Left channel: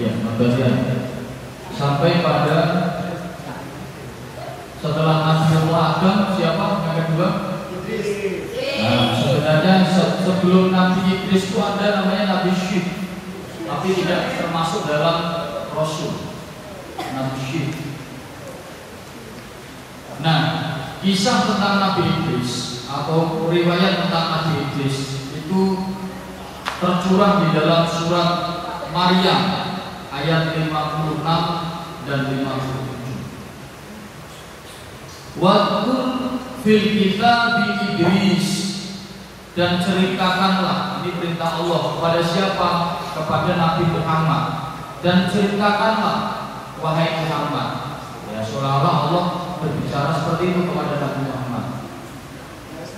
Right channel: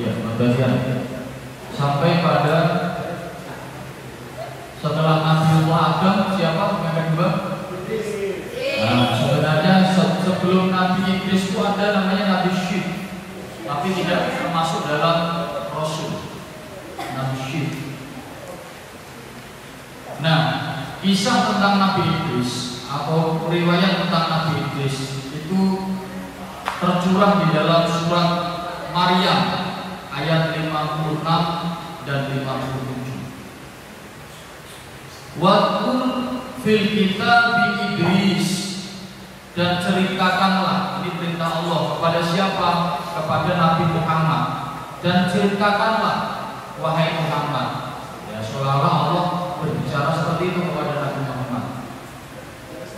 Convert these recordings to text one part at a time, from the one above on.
Ya, bagian sampai pada setelah Nabiullah Adam, siapa yang kedua? Nah, sebenarnya sebelum Nabi Idris itu ada namanya Nabi Syed, tapi tidak termasuk dalam Rasul. Nabi Syed. Nah, kisah tentang Nabi Idris atau riwayat tentang Nabi Idris itu tercurah di dalam surat Maryam ayat 56 dan 57. Wadkur fil kitabi Idris, dan ceritakanlah, ini perintah Allah kepada siapa? Kepada Nabi Muhammad. Dan ceritakanlah wahai Muhammad. Ya, seolah-olah Allah berbicara seperti itu kepada Nabi Muhammad.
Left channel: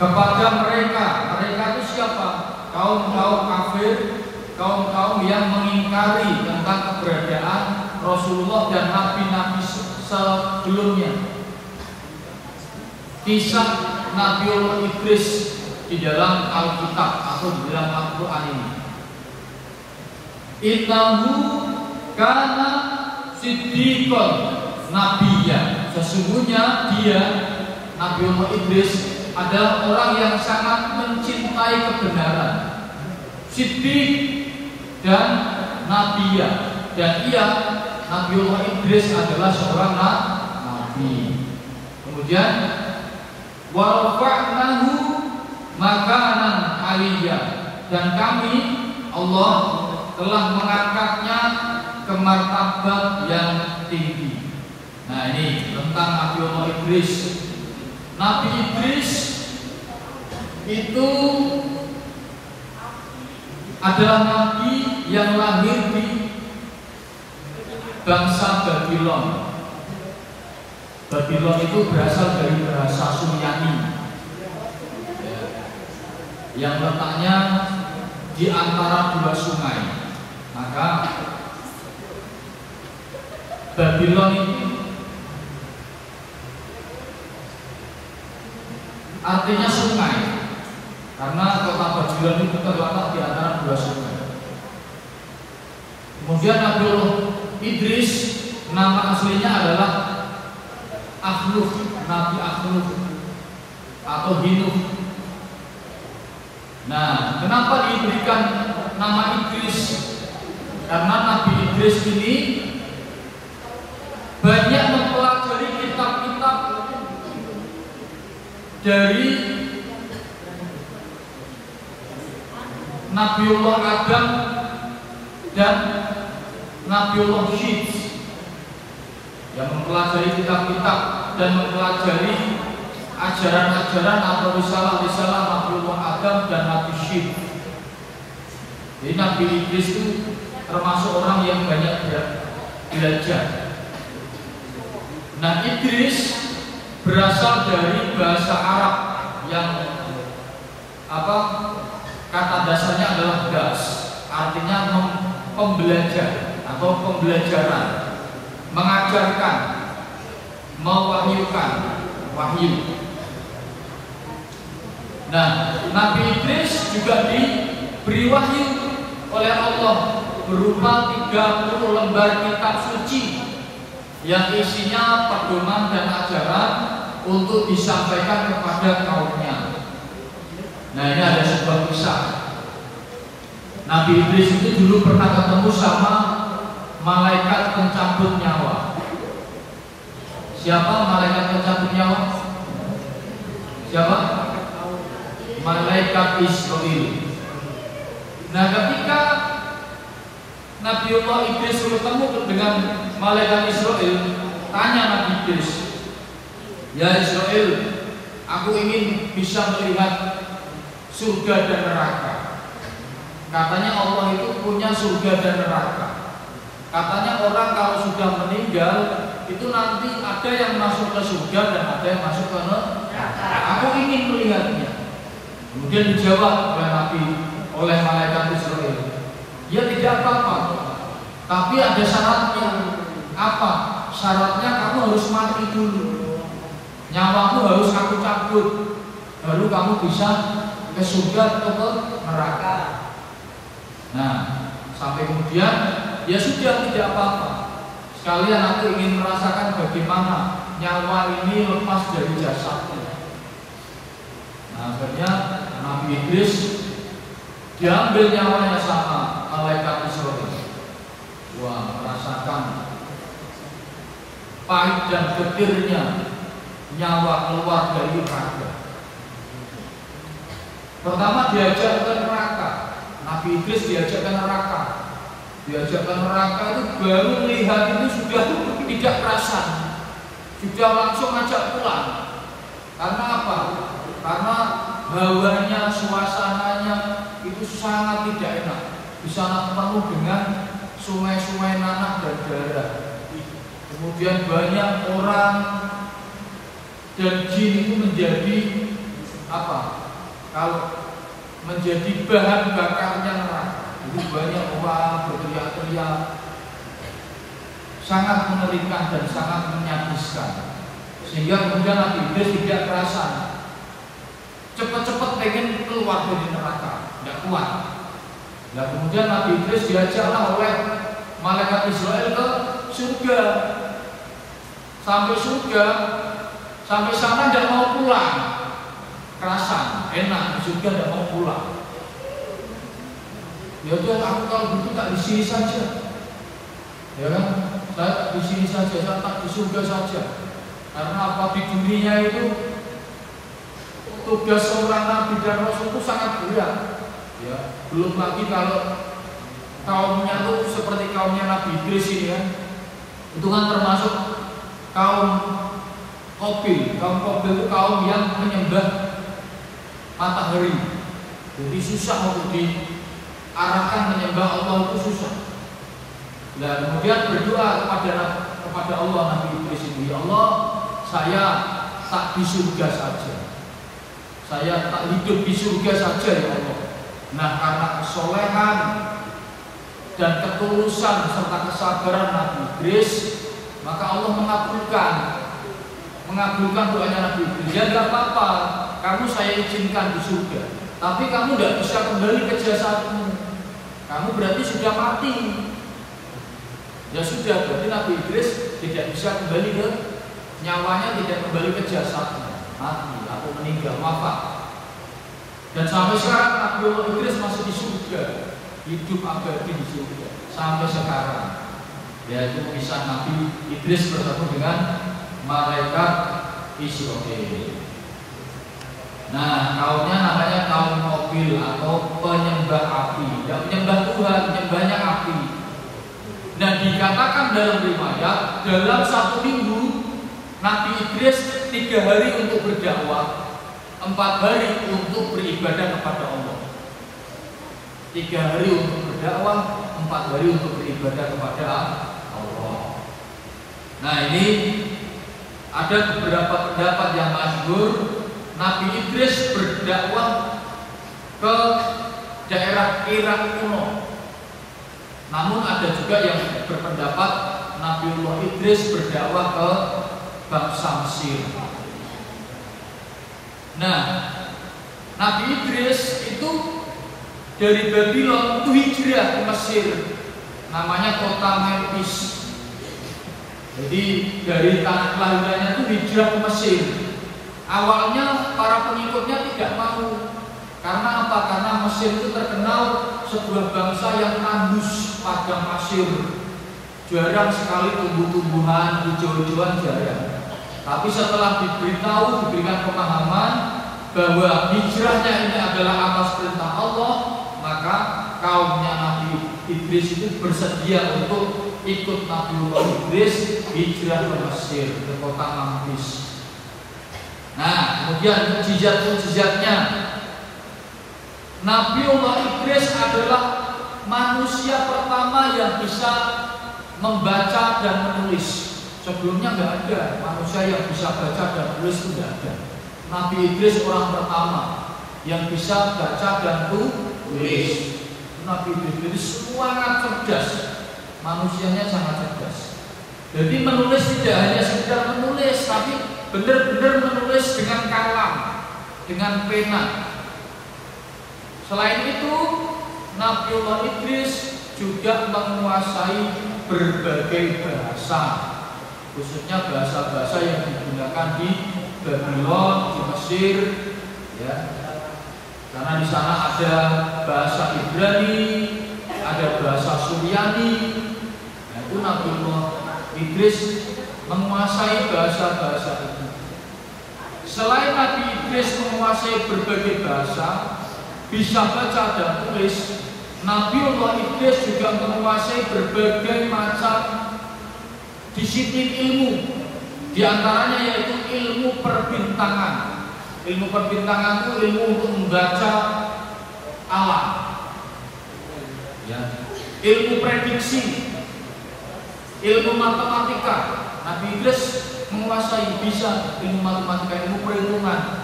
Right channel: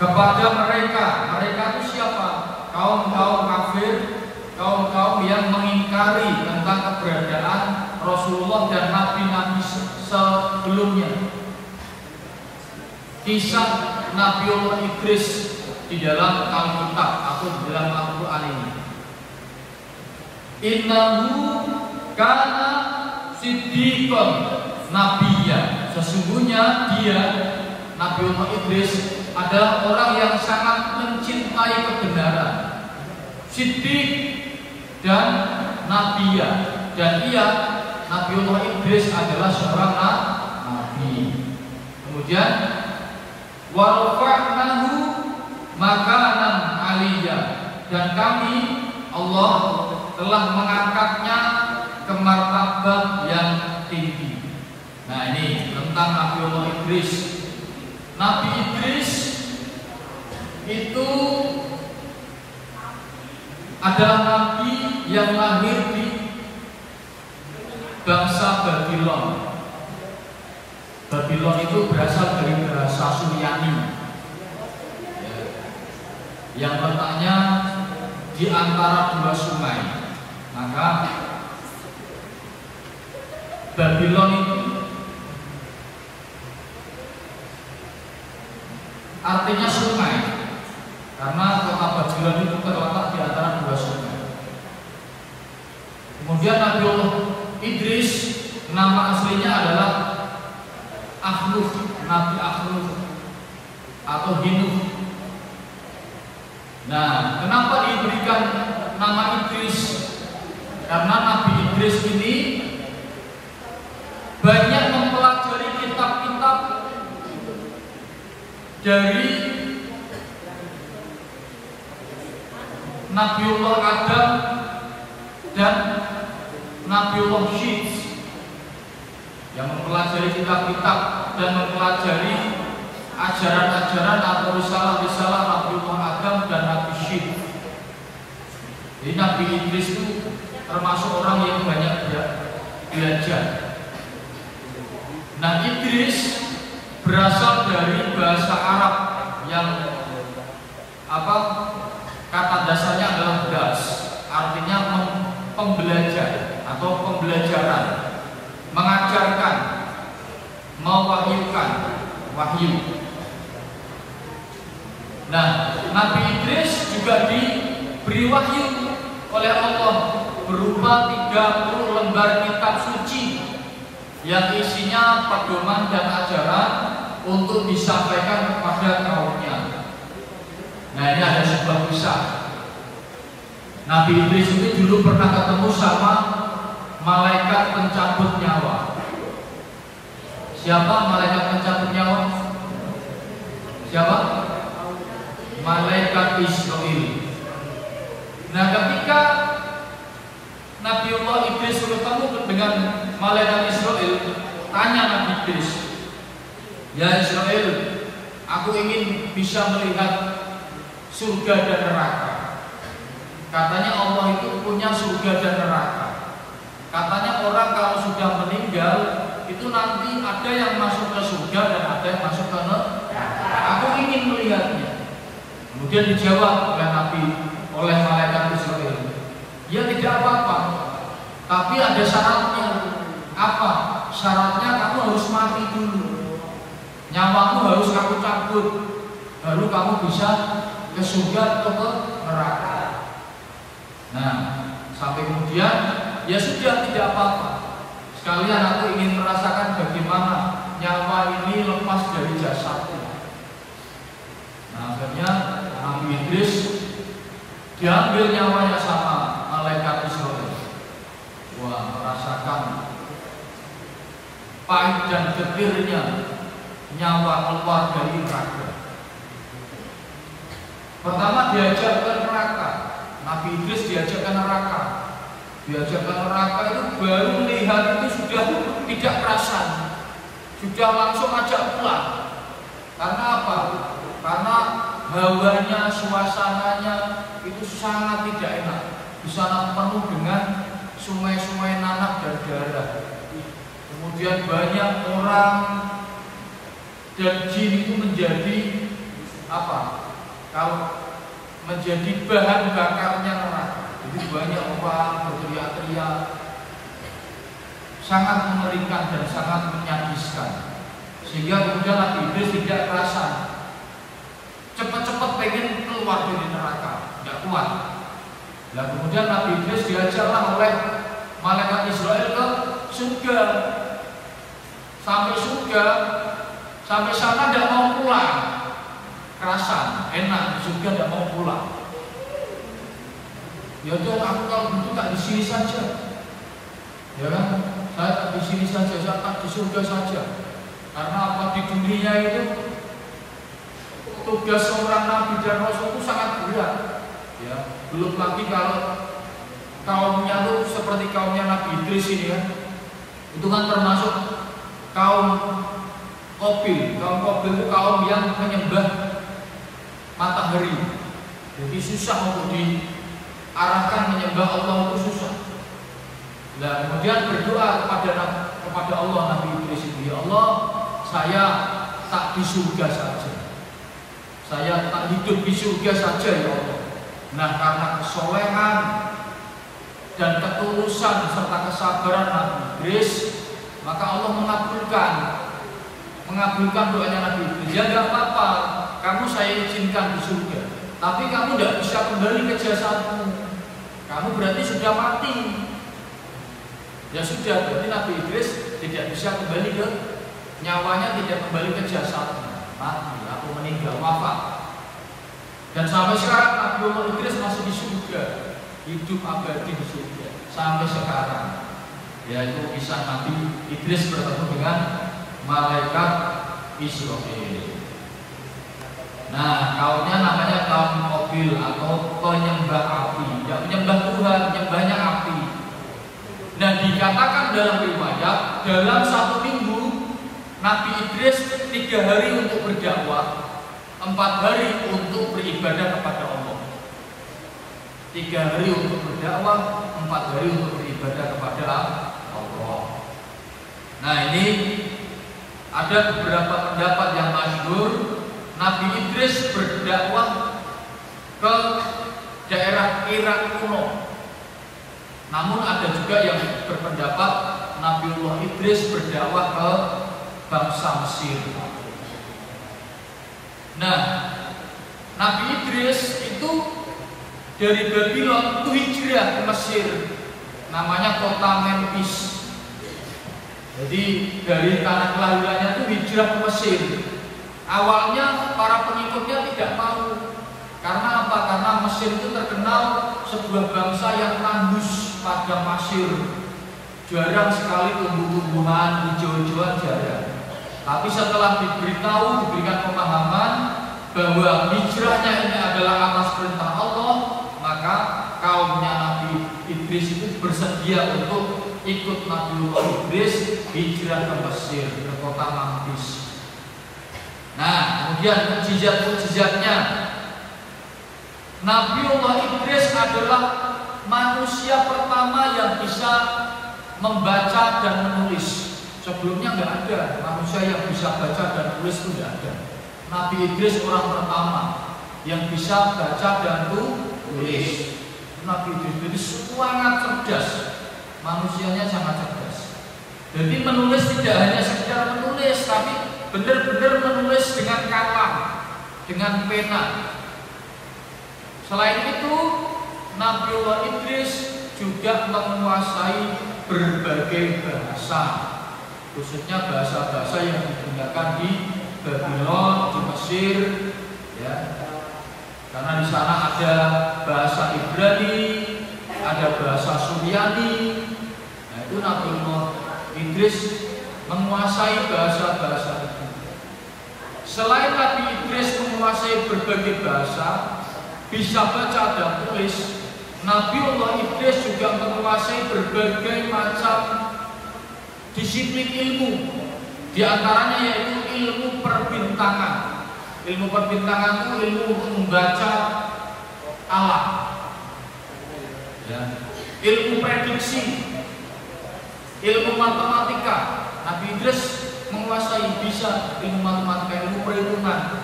Kepada mereka itu siapa? Kaum-kaum kafir, kaum-kaum yang mengingkari tentang keberadaan Rasulullah dan nabi-nabi sebelumnya. Kisah Nabiullah Idris di dalam Alkitab atau di dalam Al-Quran ini. Innahu kana siddiqon nabiyya. Sesungguhnya dia, Nabiullah Idris, adalah orang yang sangat mencintai kebenaran. Siddiq dan nabiyya. Dan ia, Nabiullah Idris, adalah seorang nabi. Kemudian wa rafa'nahu makanan aliyya, dan kami, Allah, telah mengangkatnya ke martabat yang tinggi. Nah, ini tentang Nabiullah Idris. Nabi Idris itu adalah nabi yang lahir di bangsa Babylon. Babylon itu berasal dari bahasa Suryani, yang letaknya di antara dua sungai. Maka Babylon itu artinya sungai, karena kota Babylon itu terletak di antara dua sungai. Kemudian Nabiullah Idris, nama aslinya adalah Akhluf, Nabi Akhluf atau Hinuf. Nah, kenapa diberikan nama Idris? Karena Nabi Idris ini banyak mempelajari kitab-kitab dari Nabiullah Adam dan Nabiullah Syed, yang mempelajari kitab-kitab dan mempelajari ajaran-ajaran atau risalah-risalah Nabiullah Adam dan Nabi Syed. Jadi Nabi Idris itu termasuk orang yang banyak belajar. Nah, Idris berasal dari bahasa Arab yang kata dasarnya adalah das, artinya pembelajar atau pembelajaran, mengajarkan, mewahyukan, wahyu. Nah, Nabi Idris juga diberi wahyu oleh Allah berupa 30 lembar kitab suci yang isinya pedoman dan ajaran untuk disampaikan kepada kaumnya. Nah, ini ada sebuah kisah. Nabi Idris itu dulu pernah ketemu sama malaikat pencabut nyawa. Siapa malaikat pencabut nyawa? Siapa? Malaikat Israel. Nah, ketika Nabiullah Idris bertemu dengan malaikat Israel, tanya Nabi Idris, "Ya Israel, aku ingin bisa melihat surga dan neraka." Katanya Allah itu punya surga dan neraka. Katanya orang kalau sudah meninggal itu nanti ada yang masuk ke surga dan ada yang masuk ke neraka. Aku ingin melihatnya. Kemudian dijawab oleh malaikat Israel, "Ya tidak apa-apa, tapi ada syaratnya." Apa? Syaratnya kamu harus mati dulu. Nyawamu harus aku cabut, baru kamu bisa ke surga atau ke neraka. Nah, sampai kemudian ya sudah, tidak apa-apa. Sekalian aku ingin merasakan bagaimana nyawa ini lepas dari jasadku. Nah, akhirnya Nabi Idris diambil nyawanya sama malaikat Israil. Wah, merasakan pahit dan getirnya nyawa keluar dari raga. Pertama diajak ke neraka. Nabi Idris diajak ke neraka. Diajak ke neraka itu baru melihat itu sudah tidak perasan, sudah langsung ajak pulang. Karena apa? Karena hawanya, suasananya itu sangat tidak enak. Di sana penuh dengan sungai-sungai nanah dan darah. Kemudian banyak orang dan jin itu menjadi apa? Kalau menjadi bahan bakarnya neraka. Jadi banyak orang berteriak-teriak, sangat mengerikan dan sangat menyedihkan. Sehingga kemudian Nabi Idris tidak kerasan, cepat-cepat pengen keluar dari neraka, tidak kuat. Nah, kemudian Nabi Idris diajaklah oleh malaikat Israil ke surga. Sampai surga, sampai sana tidak mau pulang. Kerasan, enak, surga tidak mau pulang. Ya udah, aku kalau gitu tak di sini saja, ya kan? Saya tak di sini saja, saya tak di surga saja. Karena apa, di dunia itu tugas seorang nabi dan rasul itu sangat berat. Ya, belum lagi kalau kaumnya tuh seperti kaumnya Nabi Idris ini kan, itu kan termasuk kaum Qabil. Kaum Qabil itu kaum yang menyembah matahari. Jadi susah untuk diarahkan menyembah Allah, itu susah. Nah, kemudian berdoa kepada Allah Nabi Idris itu, ya Allah, saya tak di surga saja, saya tak hidup di surga saja ya Allah. Nah, karena kesolehan dan ketulusan serta kesabaran Nabi Idris, maka Allah mengabulkan doanya Nabi Idris. Ya nggak apa-apa, kamu saya izinkan di surga, tapi kamu tidak bisa kembali ke jasadmu. Kamu berarti sudah mati. Ya sudah, berarti Nabi Idris tidak bisa kembali ke nyawanya, tidak kembali ke jasadnya, mati atau meninggal, wafat. Dan sampai sekarang Nabi Idris masih di surga, hidup abadi di surga sampai sekarang. Yaitu kisah Nabi Idris bertemu dengan malaikat Israil. Nah, kaumnya namanya kaum Qabil atau penyembah api, tidak menyembah Tuhan, menyembahnya api. Nah, dikatakan dalam riwayat, dalam 1 minggu Nabi Idris 3 hari untuk berdakwah, 4 hari untuk beribadah kepada Allah. 3 hari untuk berdakwah, 4 hari untuk beribadah kepada Allah. Nah, ini ada beberapa pendapat yang masyhur. Nabi Idris berdakwah ke daerah Irak kuno. Namun ada juga yang berpendapat Nabiullah Idris berdakwah ke bangsa Mesir. Nah, Nabi Idris itu dari Babylon itu hijrah ke Mesir, namanya kota Memphis. Jadi dari tanah kelahirannya itu hijrah ke Mesir. Awalnya para pengikutnya tidak mau. Karena apa? Karena Mesir itu terkenal sebuah bangsa yang tandus padang pasir. Jarang sekali tumbuh-tumbuhan, hijau-hijauan jarang. Tapi setelah diberikan pemahaman bahwa hijrahnya ini adalah atas perintah Allah, maka kaumnya Nabi Idris itu bersedia untuk ikut Nabiullah Idris hijrah ke Mesir, ke kota Memphis. Nah, kemudian mukjizat-mukjizatnya, Nabiullah Idris adalah manusia pertama yang bisa membaca dan menulis. Sebelumnya nggak ada manusia yang bisa baca dan tulis, itu nggak ada. Nabi Idris orang pertama yang bisa baca dan tulis. Nabi Idris sangat cerdas, manusianya sangat cerdas. Jadi menulis tidak hanya sekedar menulis, tapi benar-benar menulis dengan kalam, dengan pena. Selain itu, Nabiullah Idris juga menguasai berbagai bahasa, khususnya bahasa-bahasa yang digunakan di Babylon, di Mesir, ya. Karena di sana ada bahasa Ibrani, ada bahasa Suryani. Nah, itu Nabiullah Idris menguasai bahasa-bahasa itu. Selain Nabi Idris menguasai berbagai bahasa, bisa baca dan tulis, Nabiullah Idris juga menguasai berbagai macam disiplin ilmu. Di antaranya yaitu ilmu perbintangan. Ilmu perbintangan itu ilmu untuk membaca alam, ya. Ilmu prediksi, ilmu matematika. Nabi Idris menguasai bisa ilmu matematika, ilmu perhitungan,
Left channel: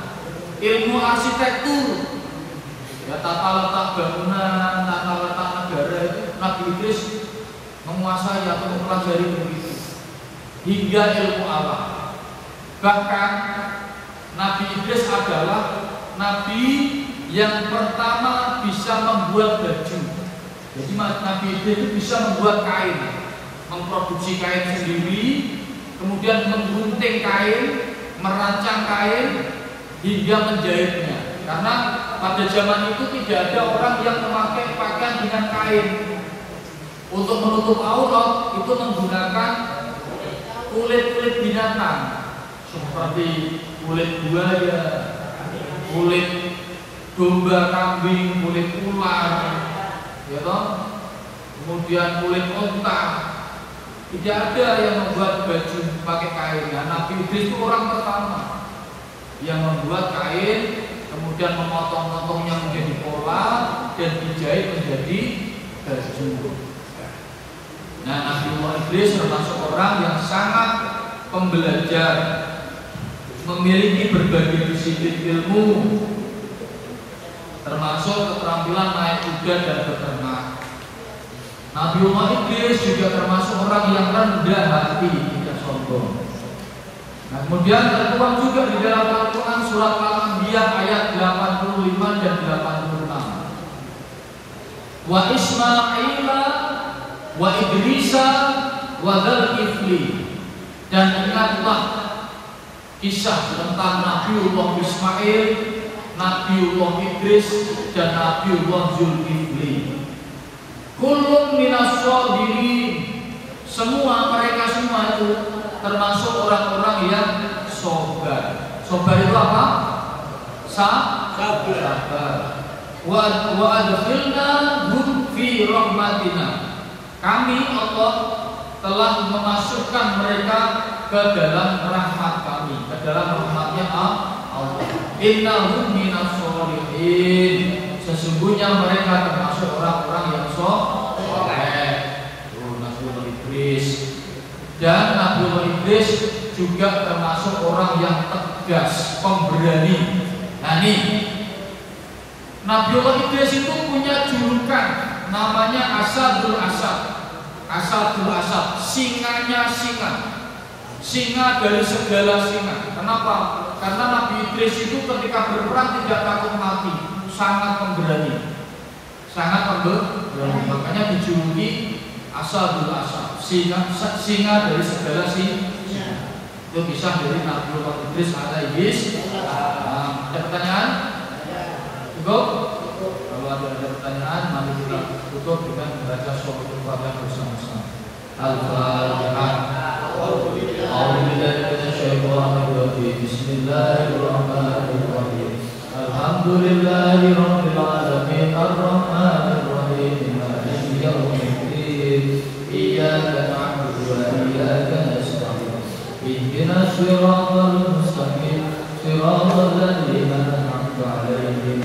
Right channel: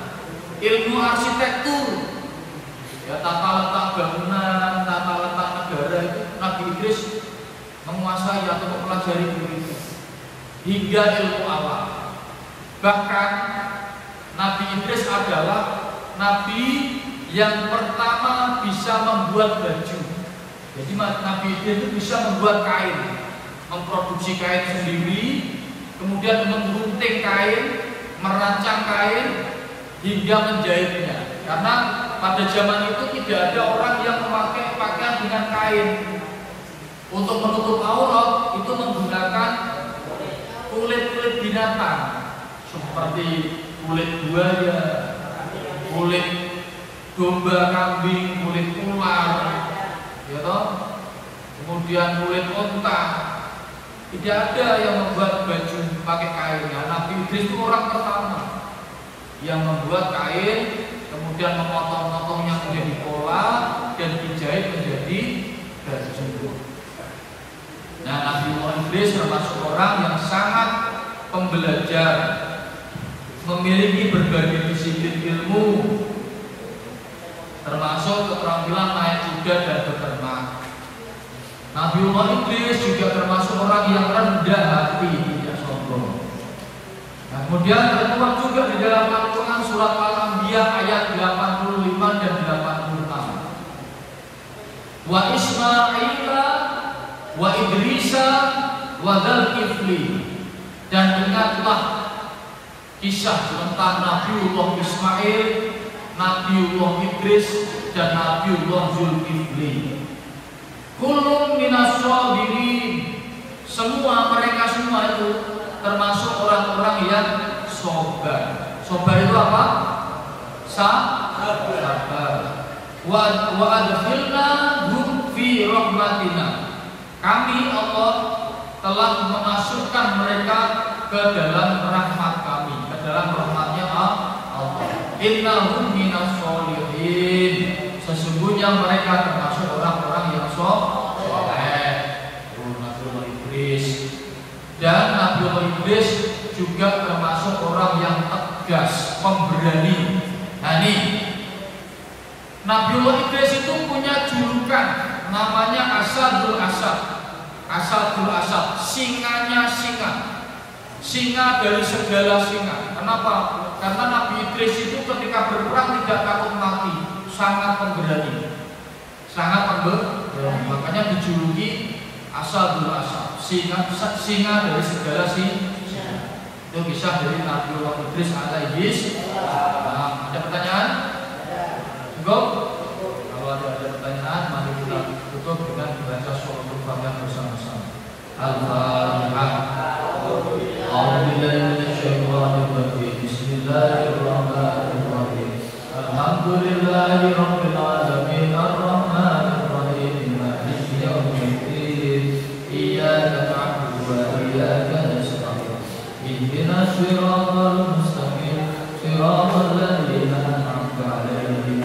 ilmu arsitektur, ya, tata letak bangunan, tata letak negara itu Nabi Idris menguasai atau mempelajari ilmu itu, hingga ilmu alam. Bahkan Nabi Idris adalah Nabi yang pertama bisa membuat baju. Jadi Nabi Idris itu bisa membuat kain, memproduksi kain sendiri, kemudian menggunting kain, merancang kain, hingga menjahitnya. Karena pada zaman itu tidak ada orang yang memakai pakaian dengan kain. Untuk menutup aurat itu menggunakan kulit-kulit binatang, seperti kulit buaya, kulit domba, kambing, kulit ular, ya toh? Kemudian kulit unta. Tidak ada yang membuat baju pakai kain. Ya, Nabi Idris itu orang pertama yang membuat kain, kemudian memotong-motongnya menjadi pola dan dijahit menjadi baju. Nah, Nabiullah Idris termasuk orang yang sangat pembelajar, memiliki berbagai disiplin ilmu, termasuk keterampilan naik kuda dan beternak. Nabiullah Idris juga termasuk orang yang rendah hati, tidak sombong. Nah, kemudian tertuang juga di dalam Al-Quran surat Al-Anbiya ayat 85 dan 86. Wa Ismaila wa Idrisa wa Dzulkifli, dan ingatlah kisah tentang Nabiullah Ismail, Nabiullah Idris, dan Nabiullah Dzulkifli. Kullun minas shodirin, semua mereka semua itu termasuk orang-orang yang sabar. Sabar itu apa? Sabar. Wa adkhilna hum fi rahmatina. Kami Allah telah memasukkan mereka ke dalam rahmat kami, ke dalam rahmatnya Allah. Innahum minas sholihin, sesungguhnya mereka termasuk orang-orang yang soleh. Nabiullah Idris. Dan Nabiullah Idris juga termasuk orang yang tegas, pemberani. Nah, ini Nabiullah Idris itu punya julukan namanya Asadul Asad. Asadul Asad, singanya singa. Singa dari segala singa. Kenapa? Karena Nabi Idris itu ketika berperang tidak takut mati, sangat pemberani. Sangat pemberani. Makanya dijuluki Asadul Asad, singa dari segala singa. Itu kisah dari Nabiullah Idris alaihi salam. Ada pertanyaan? Cukup? Kalau ada pertanyaan, mari kita tutup dengan membaca surah Al-Fatihah bersama-sama. Al-Fatihah. Bismillahirrahmanirrahim. Alhamdulillahirabbil alamin arrahmanir rahim maliki yaumiddin. Iyyaka na'budu wa iyyaka nasta'in. Ihdinas siratal mustaqim, siratal ladzina an'amta 'alaihim